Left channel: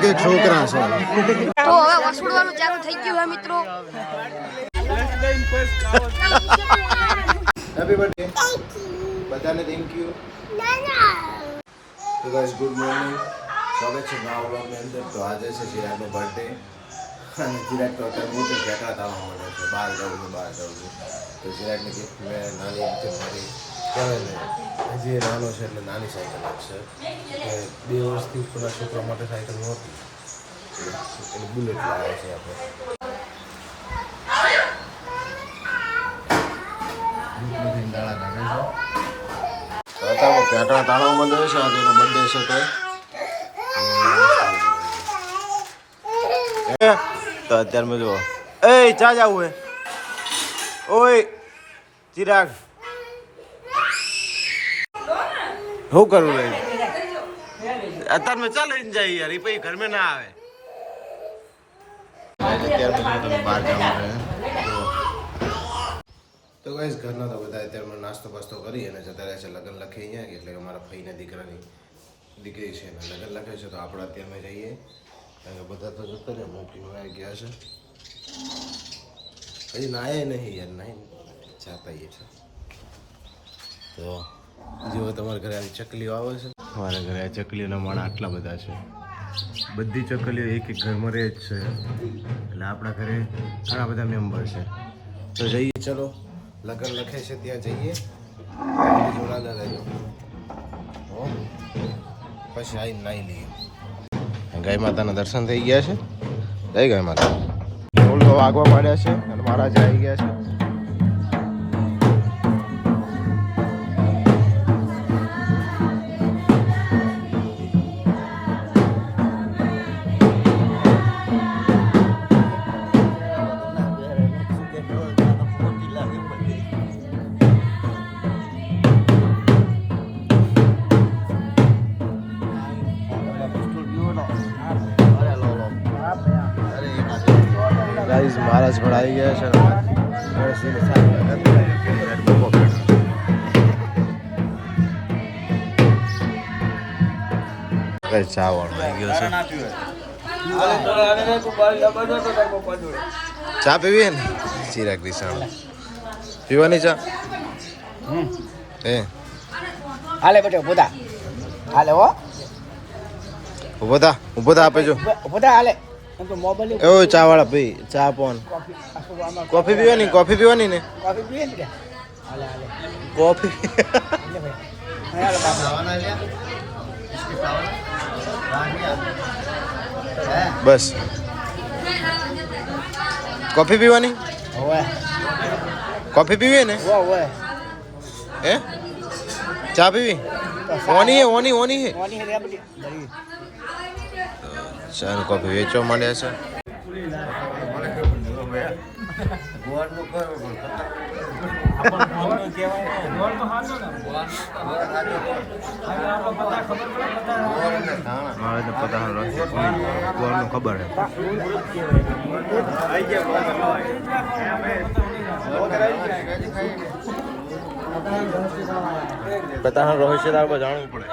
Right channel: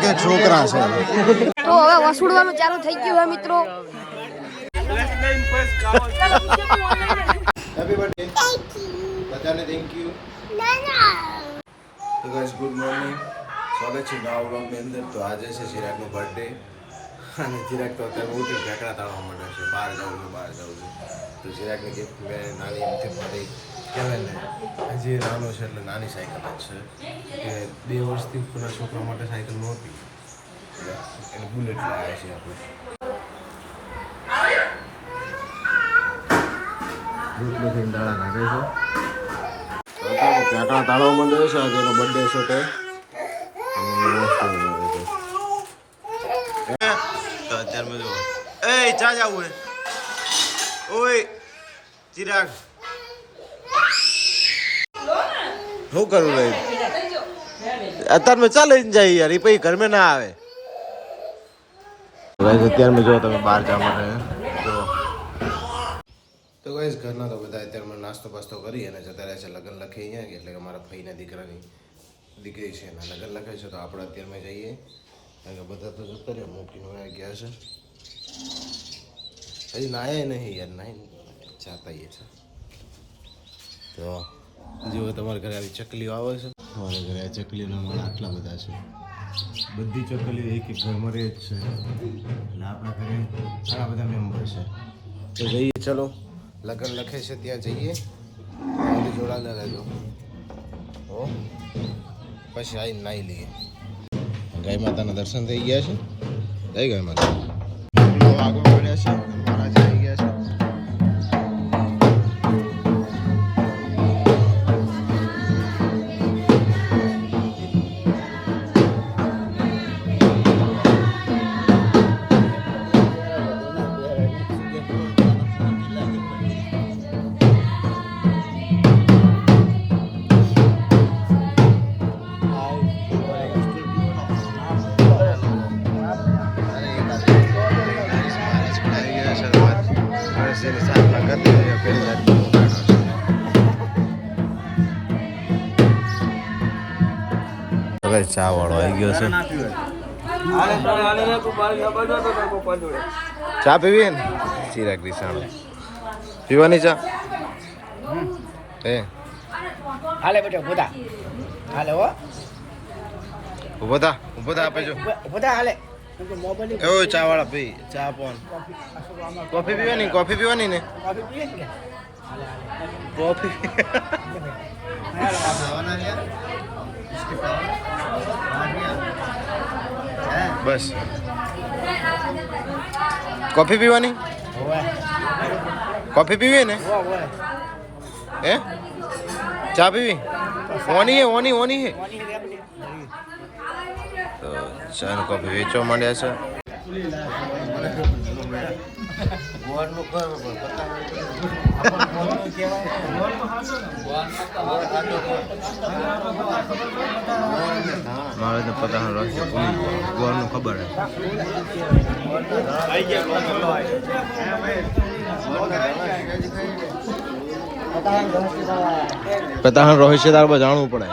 એક છોકરા છે તો હવે વસૂડવાનું ચાલુ થઈ ગયું છે મિત્રો. હેપી બર્થડે બધાને થેન્ક યુ. તો ગાઈસ ગુડ મોર્નિંગ, સ્વાગત છે નવા વ્લોગની અંદર. તો આજે છે ચિરાગનો બર્થડે અને ચિરાગ તો અત્યારે મોટી ફેંકડા તાળવા માંડે છે, બહાર જવું છે. તો ચિરાગની ગિફ્ટ મેં નાની એમથી મારી કહેવાય ને, હજી નાનો છે એટલે નાની સાયકલ જ છે કે 2 વર્ષથી ઉપરના છોકરા માટે સાયકલ નહોતી, એને બુલેટ લાવે છે આપણે. દાડા કાઢે છે અત્યારે ફેંકડા તાળવા માંડે છે. આજે એનો બર્થડે છે તો અત્યારે મેં જો એ ચા જવું હે ઓય ચિરાગ શું કરું રહી અત્યારે મેં ચાલે જાય યાર, એ પછી ઘરમાં ના આવે. અત્યારે મેં જો તમે બહાર જવા માટે તો ગાઈસ ઘરના તો બધા અત્યારે નાસ્તો પાસ્તો કરી અને જતા રહે છે લગ્ન લખી અહીંયા, એટલે અમારા ભાઈના દીકરાની દીકરી છે એના લગ્ન લખે છે. તો આપણે અત્યારમાં જઈએ કારણ કે બધા તો જતા રહે મૂકીને આવી ગયા છે. હજી નાય નહીં યાર, નાય ચાતા છે. તો જો તમારા ઘરે આવી ચકલીઓ આવે છે, અમારા ઘરે આ ચકલીઓના માણા આટલા બધા છે. બધી ચકલીઓ એક ઘરમાં રહે જ છે, એટલે આપણા ઘરે ઘણા બધા મેમ્બર છે. તો જઈએ ચલો, લગ્ન લખે છે ત્યાં જઈએ, જોડાના રહેજો. પછી આવીને નાહી લઈએ. ગાય માતાના દર્શન થઈ ગયા છે. જય ગાય માતા. ફૂલ તો આગવા માંડ્યા છે અને મહારાજ આવી ગયા છે. આવી ગયા છે ગણેશજીની સ્થાપના કરતી પેલી સાઈડ બપો બેઠો છે. ચા વાળો આવી ગયો છે. ચા પીવી ને ચિરાગ દિશાણો પીવાની ચા હે હાલે બેટો ઉભા હાલે હો ઉભો થા આપે જો ઉભા હાલે ઓ ચા વાળા પી ચા પોન કોફી પીવાની ને કોફી બસ કોફી પીવાની ને હે ચા પીવી ઓની હે તો ચા ને કોફી વેચવા માંડ્યા છે. મારે તો પતા રહે ગોળનું ખબર હે. પતા રોહિત છે તાર જાણવું પડે.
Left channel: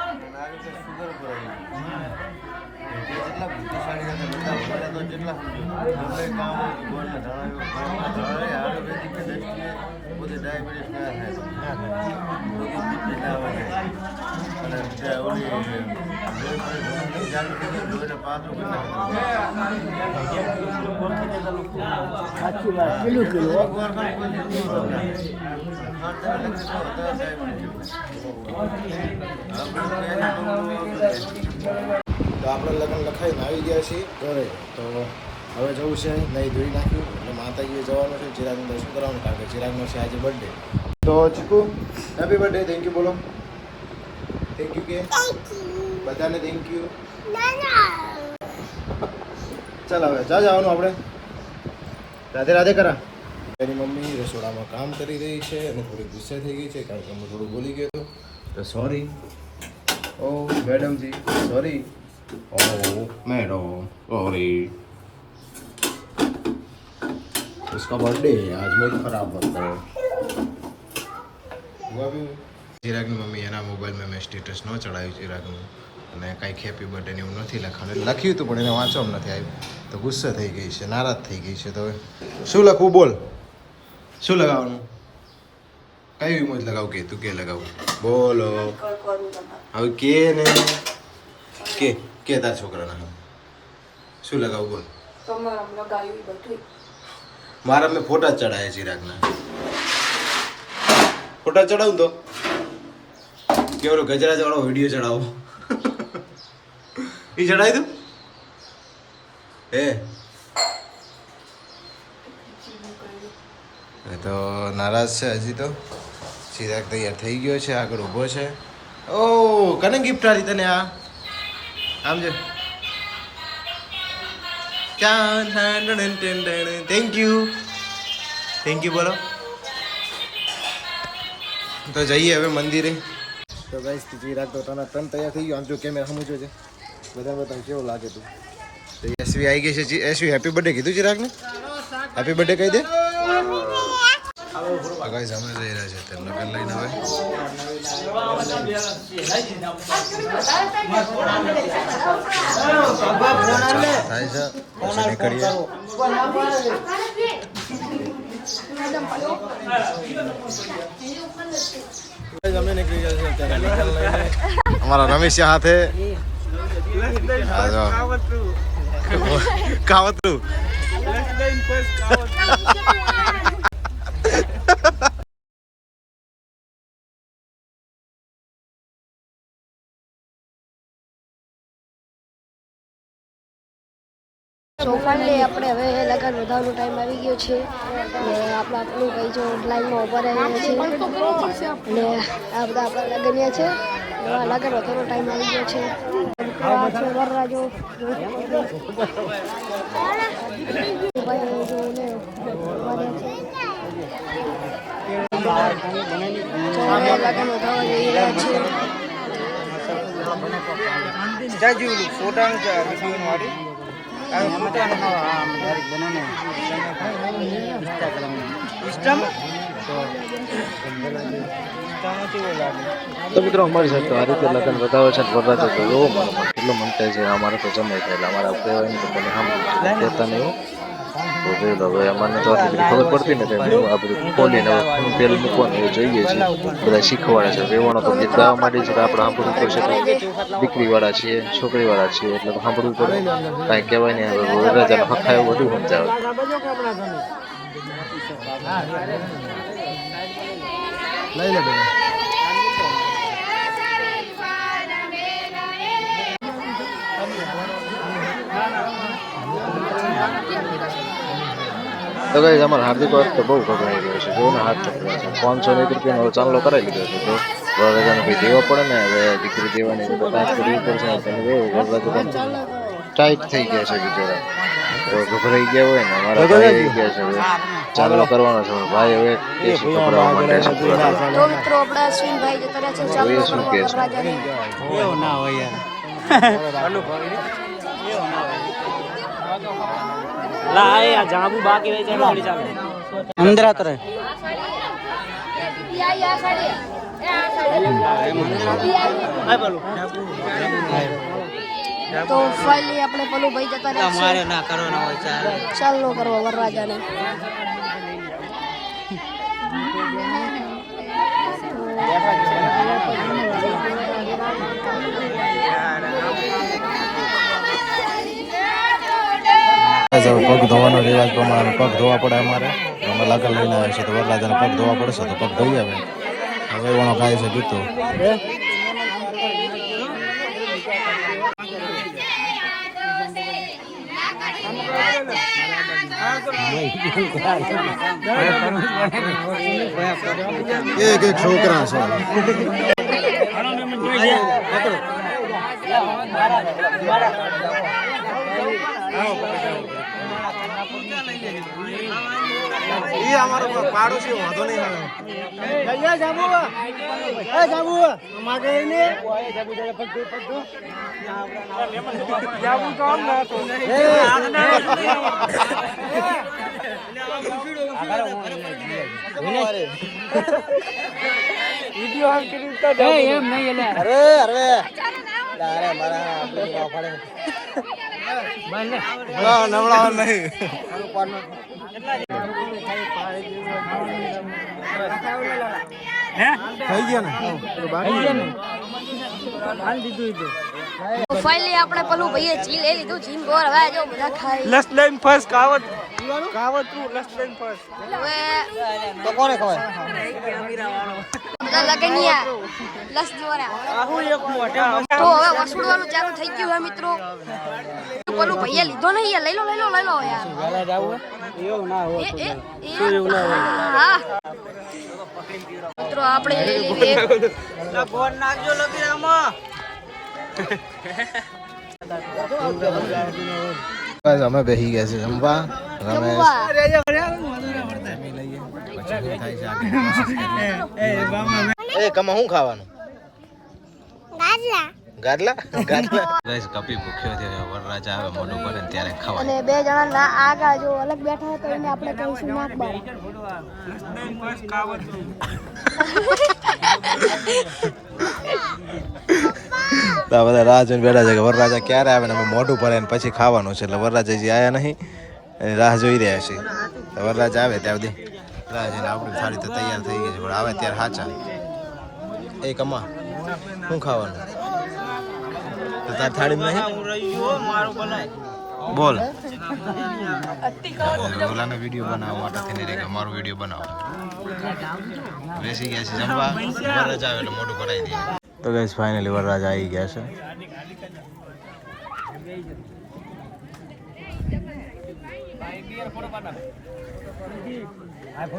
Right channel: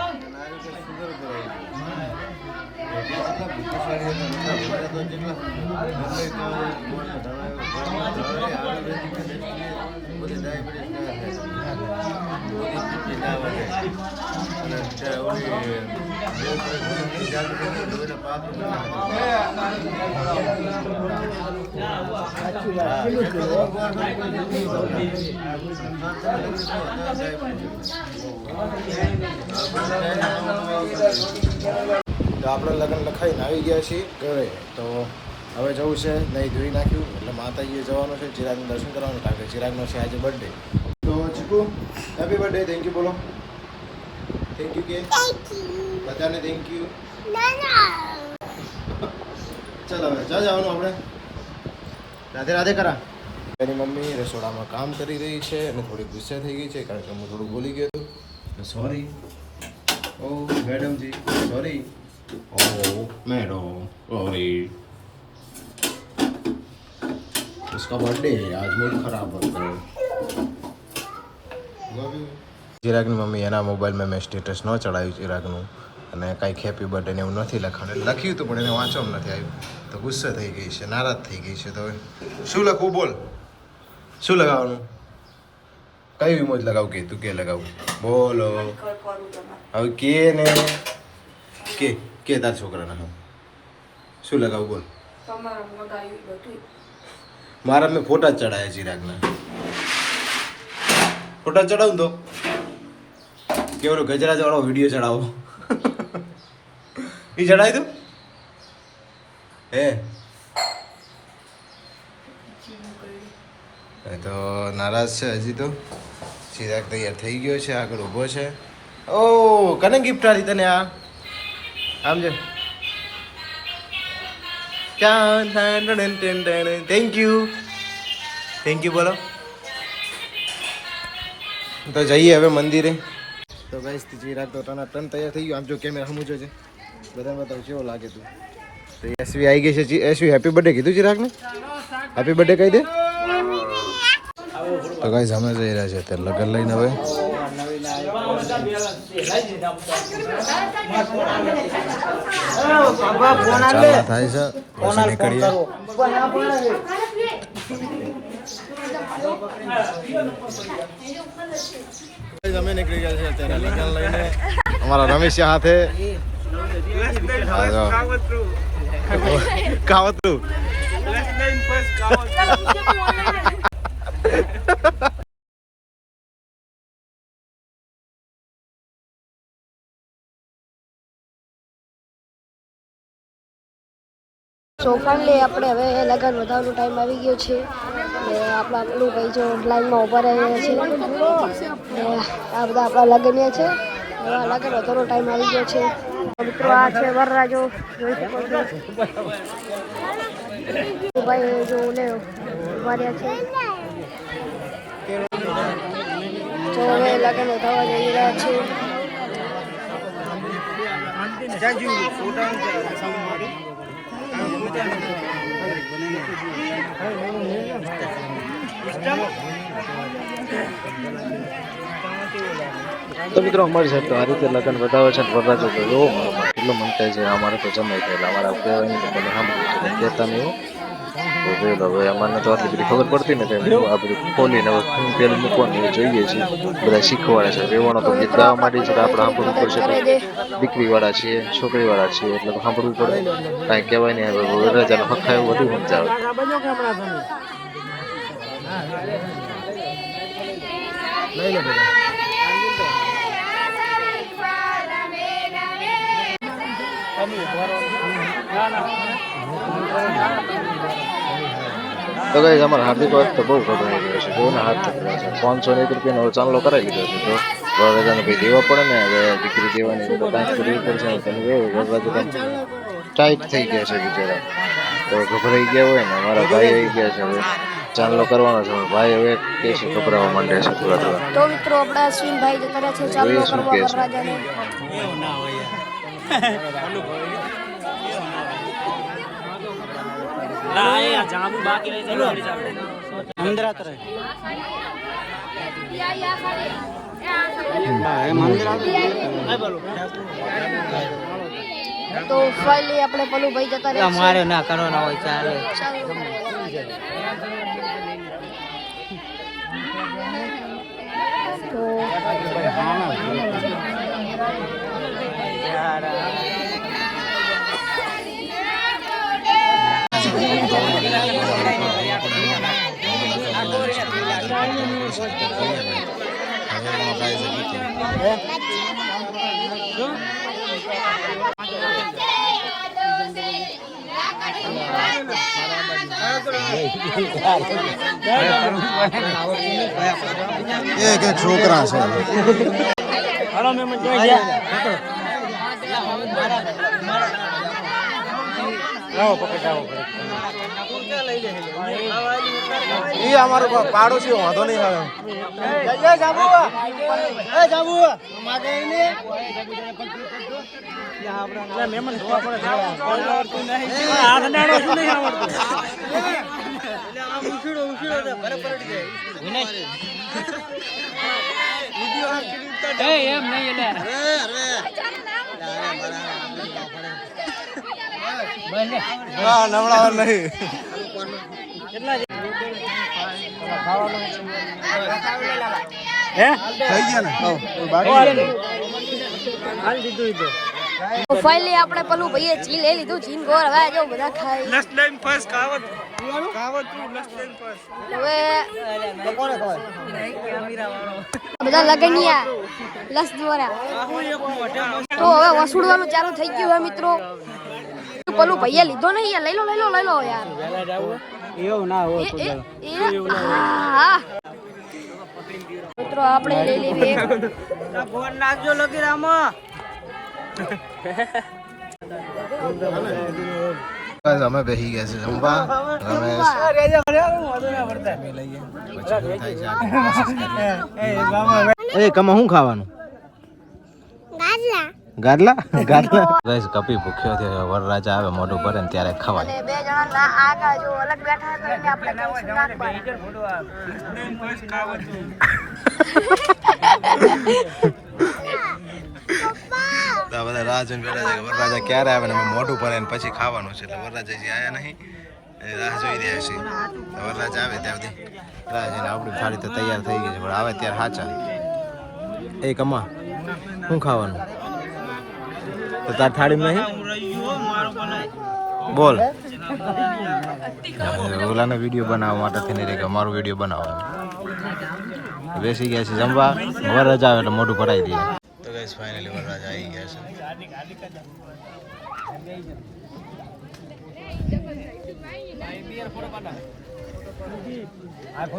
તો આપણે લગ્ન લખાઈને આવી ગયા છીએ ઘરે. તો હવે જવું છે, નહીં ધોઈ નાખ્યું એટલે માતાજીએ જવાનું છે, ચિરાગનું દર્શન કરવાનું કારણ કે ચિરાગનો છે આજે બર્થડે. તો ચીકુ હેપી બર્થડે, થેન્ક યુ બોલો. થેન્ક યુ કે બધાને થેન્ક યુ. ચાલ હવે જવાનું આપણે. રાધે રાધે કરા. એની મમ્મી રસોડામાં કામ કરી રહી છે અને થોડી ગુસ્સે થઈ ગઈ છે કારણ કે હું થોડું બોલી ગયો હતો, તો સોરી. ઓ મેડમજી સોરી. ઓ मैडम सॉरी, उसका बर्थडे है आज, मूड खराब होता है. ચિરાગની મમ્મી એના મોબાઈલમાં મેં સ્ટેટસ ન ચડાવ્યું ચિરાગનું અને કાંઈક હેપી બર્થડે ને એવું નથી લખાણું લખ્યું હતું પણ એને વાંચવામાં નથી આવ્યું તો ગુસ્સે થઈ ગઈ છે નારાજ થઈ ગઈ છે તો હવે શું લખવું બોલ શું લગાવવાનું કઈ ઇમોજ લગાવું કે તું કે લગાવું બોલો હવે કે ને કે તાર છોકરાના હા શું લગાવું બોલ મારા મેં ફોટા જ ચડાયા ચિરાગના ફોટા ચડાવું તો કેવડો ગજરા ચડાવો વિડીયો ચડાવો એ ચડાવી દઉં હે તો નારાજ છે હજી તો ચિરાગ તૈયાર થઈ ગયો છે આગળ ઊભો છે ઓ કને ગિફ્ટ આલી તને આ આમ છે થેન્ક યુ બોલો તો જઈએ હવે મંદિરે તો ગાઈસ ચિરાગ તો તને તૈયાર થઈ ગયો આમ જો કેમેરા સમજો છે બધાને બતાવ કેવો લાગે તું તો એસવી આવી ગઈ છે એસવી હેપી બર્થડે કીધું ચિરાગને હેપી બર્થડે કહી દે તો ગાઈસ અમે જઈ રહ્યા છે અત્યારે લગન લઈને હવે અમે નીકળી ગયા છે અત્યારે લગન લઈને અમારા રમેશ હાથે કાવતરું સો ફાઇનલી આપણે હવે લગન વધારવાનો ટાઈમ આવી ગયો છે ને આપણા પેલું ભાઈ જો લાઈનમાં ઊભા રહ્યા છે ને આ બધા આપણા લગનિયા છે એવા લગન વધારવાનો ટાઈમ આવી ગયો છે મિત્રો આ છે વરરાજો જોઈ શકો છો ભાઈ જો ને ઊભા રહ્યા છે તો હવે લગન વધારવા જઈ રહ્યા છે તો મિત્રો અમારી સાથે આ રીતે લગ્ન બતાવે છે વરરાજો તો જોવો મારો કેટલો મન થાય છે અમારે તો જમાઈ થયેલા અમારા કહેવાય નહીં તો તમે સાંભળ્યું છે કહેતા નહીં તો જોઈ લો હવે અમારે તો આટલી બધી ખબર પડતી નથી આ બધું ખોલીને હવે તેલ મૂકવાનું એ જોઈએ છીએ બધા શીખવાડે છે વેવાણો તો ગીત ગાવા માટે છે આપણે સાંભળવું પડશે દીકરીવાળા છીએ છોકરીવાળા છીએ એટલે તો સાંભળવું પડે કાંઈ કહેવાય નહીં હવે વરરાજાનો હખાય એવું બધું સમજાવે લઈ લે બધા તો ગાઈસ અમારા હાર્દિક વાત તો બહુ ગભરાઈ ગયો છે જો ને હાથ ચપડ્યા છે 501 રૂપિયાનો ચાંદલો કરાવી લીધો છે તો વરરાજાને ભાઈ દેવા પડે ને હવે દીકરી દેવાની તો કાંઈક કરવી પડશે તમે જોયું વરરાજા ટાઈટ થઈ ગયા છે બિચારા તો ગભરાઈ ગયા હોય ને અમારા ભાઈ આવી ગયા છે હવે ચાંદલો કરવાનો છે ભાઈ હવે કે છે ગભરાવા માંડ્યા છે થોડા થોડા તો મિત્રો આપણા અશ્વિનભાઈ જતા રહ્યા છે ચાંદલો કરવા વરરાજાને અંદર આતો રહે તો ફાઇનલી આપણે પેલું ભાઈ જતા રહ્યા છે ચાલો કરવા વરરાજાને તો પગ ધોવાનો રિવાજ પ્રમાણે પગ ધોવા પડે અમારે અમે લગન લઈને આવે છે તો વરરાજાને પગ ધોવા પડશે તો પગ ધોઈ આવે હવે એનો ખાય છે ગીતો એક છોકરા છે એ અમારો પાડોશી વાંધો નહીં આવે નવડાવા નહીં. થઈ ગયા ને બાકી ફાઇનલી આપણે પેલું ભાઈએ જી લઈ લીધું જીન ગોળ હવે જો બધા ખાઈ લસ લઈને ફર્સ્ટ કાવત લસ લઈને ફર્સ્ટ હવે કોને ખબર બધા લગનિયા લસ દ્વારા તો હવે વસૂડવાનું ચાલુ થઈ ગયું હે મિત્રો પેલું ભાઈએ લીધો નહીં યાર લઈ લો યાર એ એ એ હા મિત્રો આપણે લઈ લેવી એક ફોન નાખજો લગી રામો ગાઈસ અમે બેસી ગયા છે જમવા રમેશ એ કમા શું ખાવાનું ગાડલા ગાઈસ કપી ભૂખ્યો થયો વરરાજા આવે મોઢું ભરે ને ત્યારે ખવાય અને બે જણા ના આગા જો અલગ બેઠા હતા એને આપણે કહીશું નાખવા તો બધા રાહ જોઈને બેઠા છે કે વરરાજા ક્યારે આવે ને અમે મોઢું ભરે ને પછી ખાવાનું છે એટલે વરરાજાજી આયા નહીં એ રાહ જોઈ રહ્યા છે તો વરરાજા આવે ત્યાં સુધી રાહ જોઈને આપણી થાળી તો તૈયાર થઈ ગઈ છે પણ આવે ત્યારે સાચા એ કમા શું ખાવાનું તો તાર થાળી નહીં બોલ ઓલાનો વિડીયો બનાવવા માટે થઈને રે કે મારો વિડીયો બનાવો બેસી ગયા છે જમવા વરરાજા આવે એટલે મોઢું ભરાઈ દઈએ તો ગાઈસ ફાઇનલી વરરાજા આવી ગયા છે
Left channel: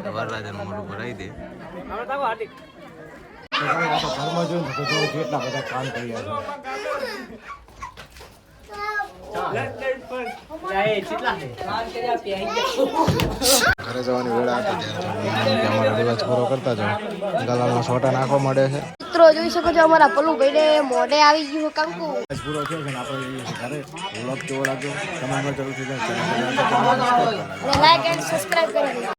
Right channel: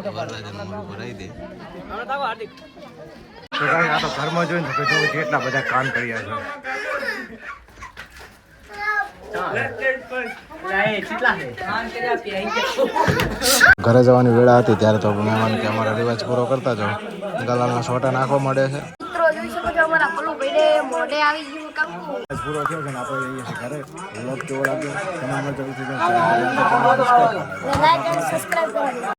વરરાજાનું મોઢું ભરાઈ દે તો ગાઈસ આ તો ઘરમાં જોઈને તો જો કેટલા બધા કામ કર્યા છે ઘરે જવાની વેળા હતી ત્યારે તો મહેમાન કે અમારા રિવાજ પૂરો કરતા જાઓ ગલાલના છોટા નાખવા મળે છે મિત્રો જોઈ શકો છો અમારા પલ્લુ ભાઈને મોઢે આવી ગયું કંકુ પૂરો થયો છે ને આપણે જઈએ છીએ ઘરે વ્લોગ કેવો લાગ્યો કમેન્ટમાં જરૂરથી લાઈક એન્ડ સબસ્ક્રાઇબ કરી